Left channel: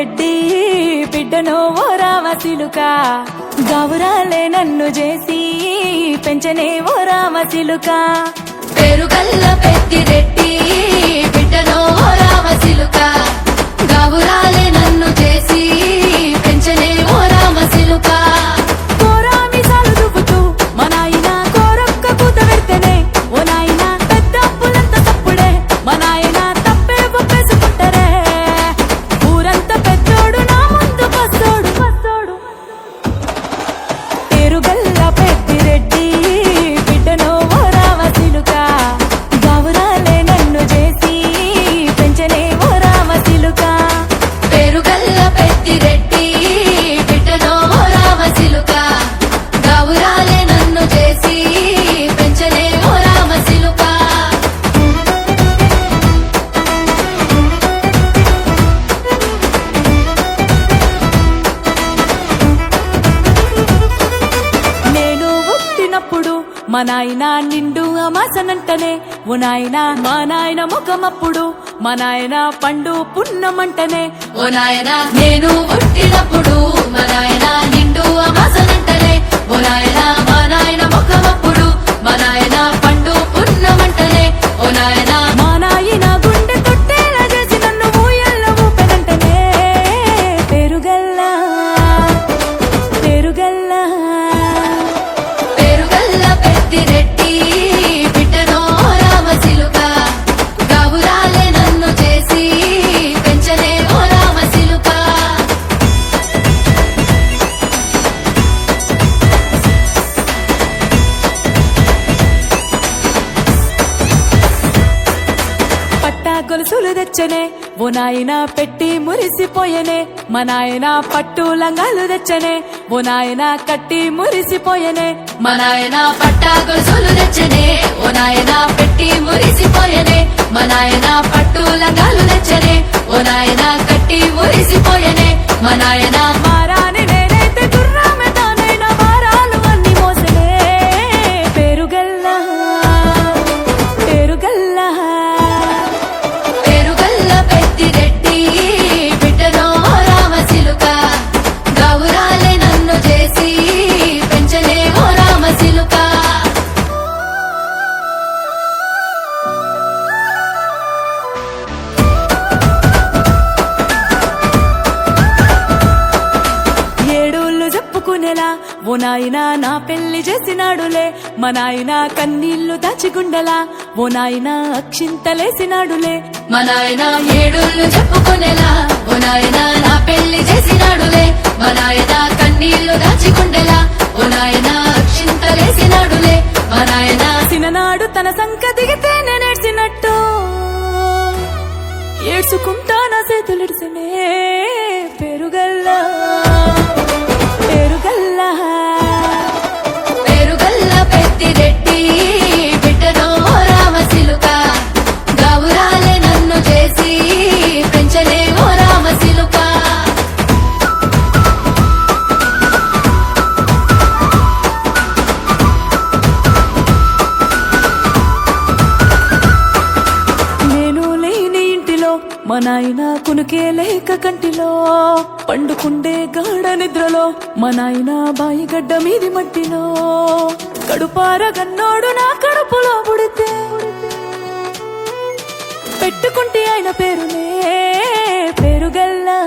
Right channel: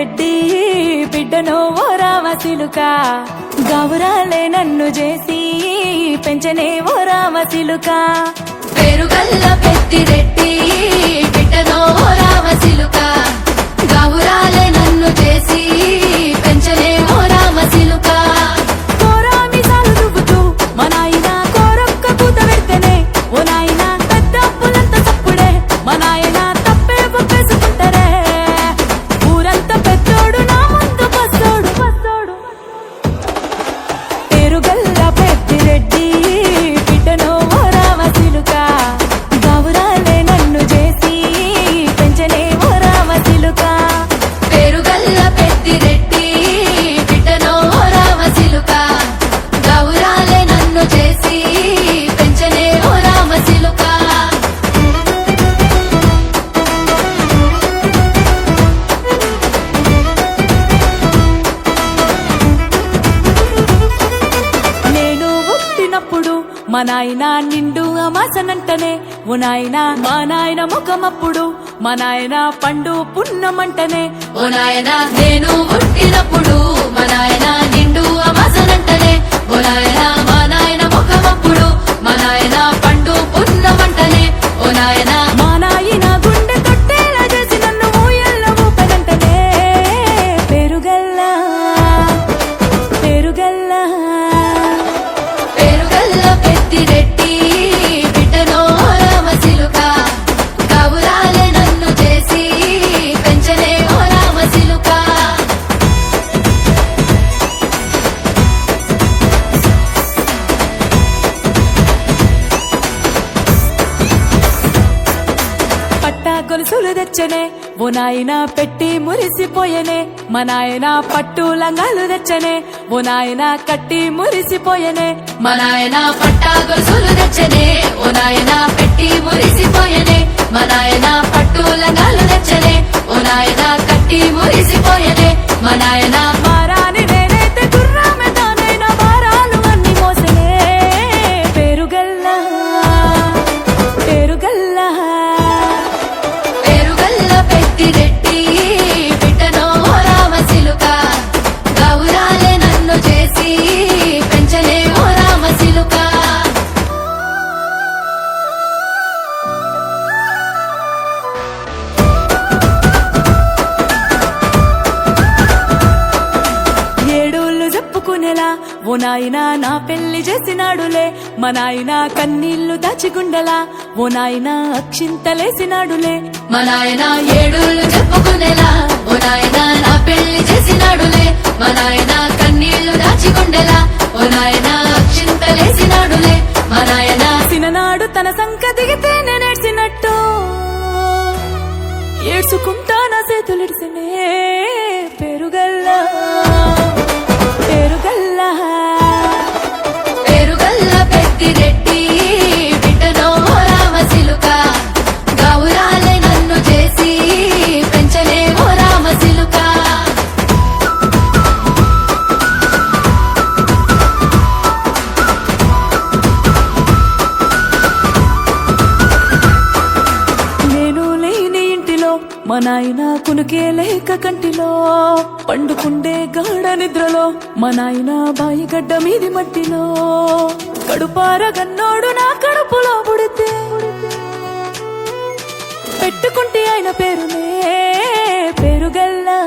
పెద్దిరెడ్డి బిడ్డను ఓ రామసిలుక గౌరాలే నన్ను చేసి పెంచనే ఓ రామసిలుక పేరుగల్ల పెద్దిరెడ్డి బిడ్డను ఓ రామసిలుక గౌరాలే నన్ను చేసి పెంచనే ఓ రామసిలుక కోరామిసాలు దువ్వుతూ మా నాయన కోరొక్క కూత పెడితేనే ఓ నాయన పెద్ద అప్పులంత తప్పుడే మా నాయన తప్పే ఒప్పేసుకుంటారే ఊరంతా పెద్దోడు నా ముందు పస్తోడు పస్తోడు పేరుగల్ల పెద్దిరెడ్డి బిడ్డను ఓ రామసిలుక గౌరాలే నన్ను చేసి పెంచనే ఓ రామసిలుక పేరుగల్ల పెద్దిరెడ్డి బిడ్డను ఓ రామసిలుక గౌరాలే నన్ను చేసి పెంచనే ఓ రామసిలుక నేను పుట్టినప్పుడు మా నాయన నిండు అమాసనంటనే ఓ నాయన మా నాయన ముఖమప్పుడు మా నాయన పండు పున్నమంటనే ఓ నాయన నేను పుట్టినప్పుడు మా నాయన నిండు అమాసనంటనే ఓ నాయన మా నాయన ముఖమప్పుడు మా నాయన పండు పున్నమంటనే ఓ నాయన మా నాయన గుండె తొట్టేలా చేసి నన్ను ఊయల్ల ఊపెనంటనే పేరుగల్లా పేరుగల్లా పేరుగల్ల పెద్దిరెడ్డి బిడ్డను ఓ రామసిలుక గౌరాలే నన్ను చేసి పెంచనే ఓ రామసిలుక పట్టా గొలుసులు తెచ్చనే ఓ నాయన పెట్టి మురిసిపోయనే మా నాయన పట్టు లంగాలు తెచ్చనే ఓ నాయన కట్టి మురిసిపోయనే మా నాయన పట్టా గొలుసులు తెచ్చనే ఓ నాయన పెట్టి మురిసిపోయనే మా నాయన పట్టు లంగాలు తెచ్చనే ఓ నాయన కట్టి మురిసిపోయనే మా నాయన మారాని నేనైతే గుర్రామె తానైన భారాలు అన్ని మోసనే పేరుగల్లా పేరుగల్లా పేరుగల్ల పెద్దిరెడ్డి బిడ్డను ఓ రామసిలుక గౌరాలే నన్ను చేసి పెంచనే ఓ రామసిలుక ఏడోళ్ళు చెప్పుకునేలా ఓ నాయన నా పెళ్లి చేసినాడులే మా నాయన కన్నీళ్లు దాచిగుండెలా ఓ నాయన అక్షింతలేసినాడులే మా నాయన ఏడోళ్ళు చెప్పుకునేలా ఓ నాయన నా పెళ్లి చేసినాడులే మా నాయన కన్నీళ్లు దాచిగుండెలా ఓ నాయన అక్షింతలేసినాడులే మా నాయన సిననాడు తన సంక దిగితే నేనేడ్చినట్టు ఏడ్చుకుంటా నా చేతులిడిసినే పేరుగల్లా పేరుగల్లా పేరుగల్ల పెద్దిరెడ్డి బిడ్డను ఓ రామసిలుక గౌరాలే నన్ను చేసి పెంచనే ఓ రామసిలుక నేను లేని ఇంటిలో మా నాయన కునుకే లేక కంటిలో పండుకుండే గాఢ నిద్రలో మా నాయన బాయిగడ్డ మీది మట్టిలో కడుపారగన్నోడు నా కడుపులో పుడితే పెట్టుకుంటే ఆయన పేరునే పేరుగల్లా